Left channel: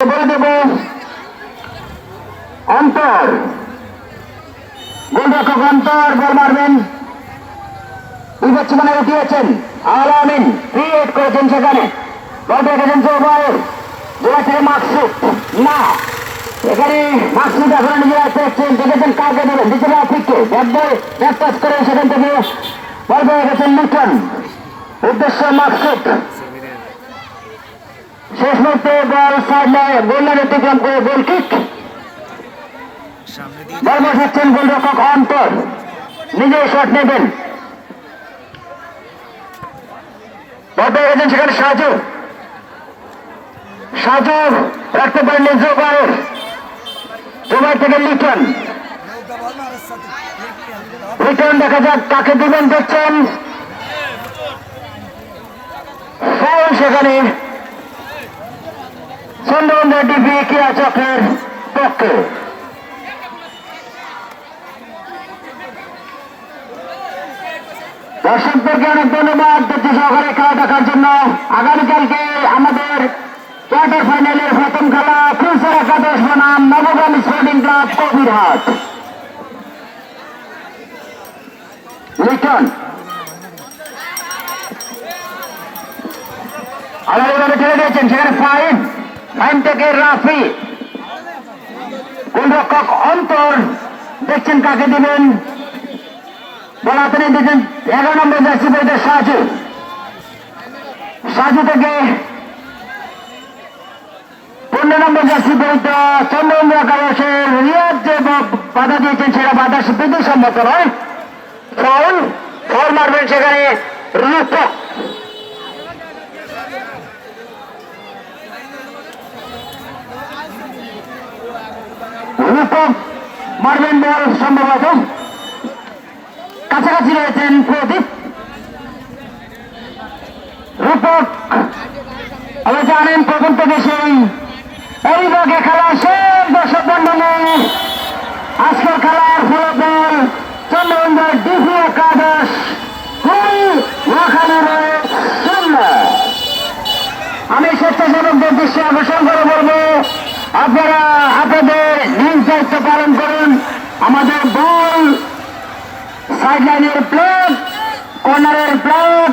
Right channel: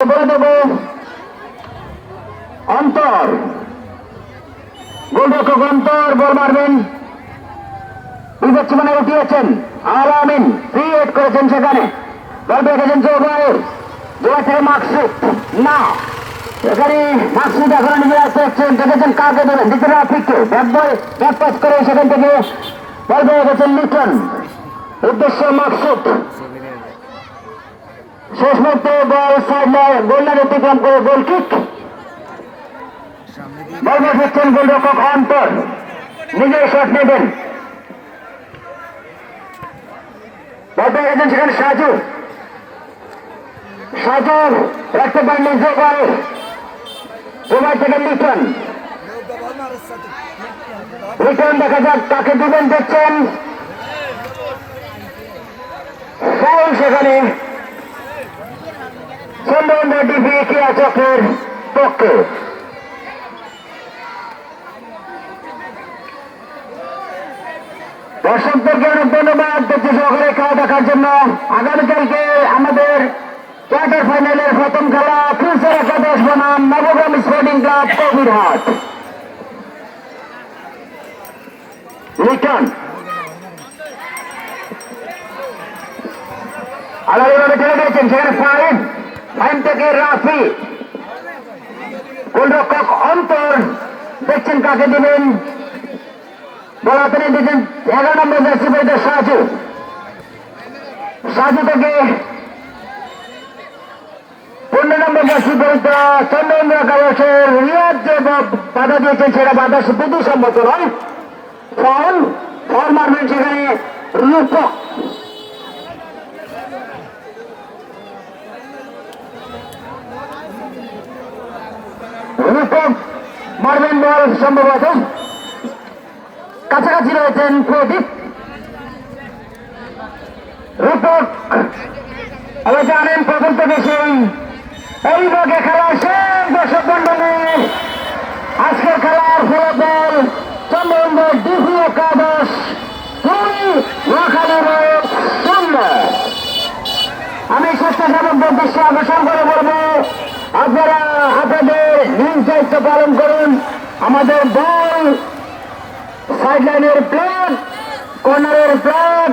বলে দেব অন্তর গোলরক্ষক অন্তর বল মারবেন। মানে উঠিয়েছেন আল আমিন ক্রিয়েট করেছেন, সেখানে বল রেখেছেন জোবায়ের, জোবায়ের থেকে মাকসুদ না, এখানে মাকসুদ এখন নিজেরা দেখছেন, দেখেছেন কাকে দেবেন, দ্বিতীয় আফ্রিককে ব্যাক পাস করে সেখান থেকে বল পেয়ে গেছেন লিটন, উদ্দেশ্য মাকসুদ, শেষ মুহূর্তে বল সাইড গোলের অতিক্রম করে গোল কিক। বল বসাচ্ছেন গোলরক্ষক অন্তর, নিজেই শট নেবেন, বল পেয়ে গেছেন সেখানে সাজু, সাজু রাখতে পারেননি জোবায়ের, জোবায়ের থেকে লিটন, লিটন দেখা যাক কাকে দিবেন, দেখছেন ফাউল সেখানে চন্দ্রবন্ধের ডিপি ক্রীড়া চক্রের পক্ষে। দর্শকদেরকে অনেক ধন্যবাদ দেখছি সহকারে খেলা দেখার জন্য। আগামীকালকে আমাদের কোয়ার্টার ফাইনালের প্রথম খেলা ফিউচার একাদশ বনাম নবগ্রাম স্পোর্টিং ক্লাব কবিরহাট। লিটন আলাদাভাবে ঠেলে দিয়েছেন, সেখানে ফাইন, লাইন থেকে রাফি, গোলরক্ষক অন্তর দেখছেন কাকে দিবেন, বল হাতে নিয়ে দিয়েছেন 11 নম্বর জার্সি পরিহিত সাজু, সাজু থেকে 15 নম্বর জার্সি পরিহিত চন্দ্রবন্ধু একাদশের রিয়াজ যে বাধা দিয়েছেন সেটা বাধা বিধিসম্মত নয়, ফাউল, ফাউল মারবেন সেখানে রূপক, রূপক মারবেন বল সম্ভবত, কাছাকাছি রয়েছেন প্রদীপ, রূপক আমরা জানেন প্রথম থেকে সেই এই ভাগে খেলা শেষ। দর্শক মন্ডলী, আজকের খেলার ফলাফল চন্দ্রবন্ধের ডিপি একাদশ 0। আমি স্বেচ্ছাসেবকদের দৃষ্টি আকর্ষণ করে বলবো, আপনারা আপনাদের নিজ দায়িত্ব পালন করুন। আমাদের বল সাইড লাইনের প্লেট, কর্নারের প্লেট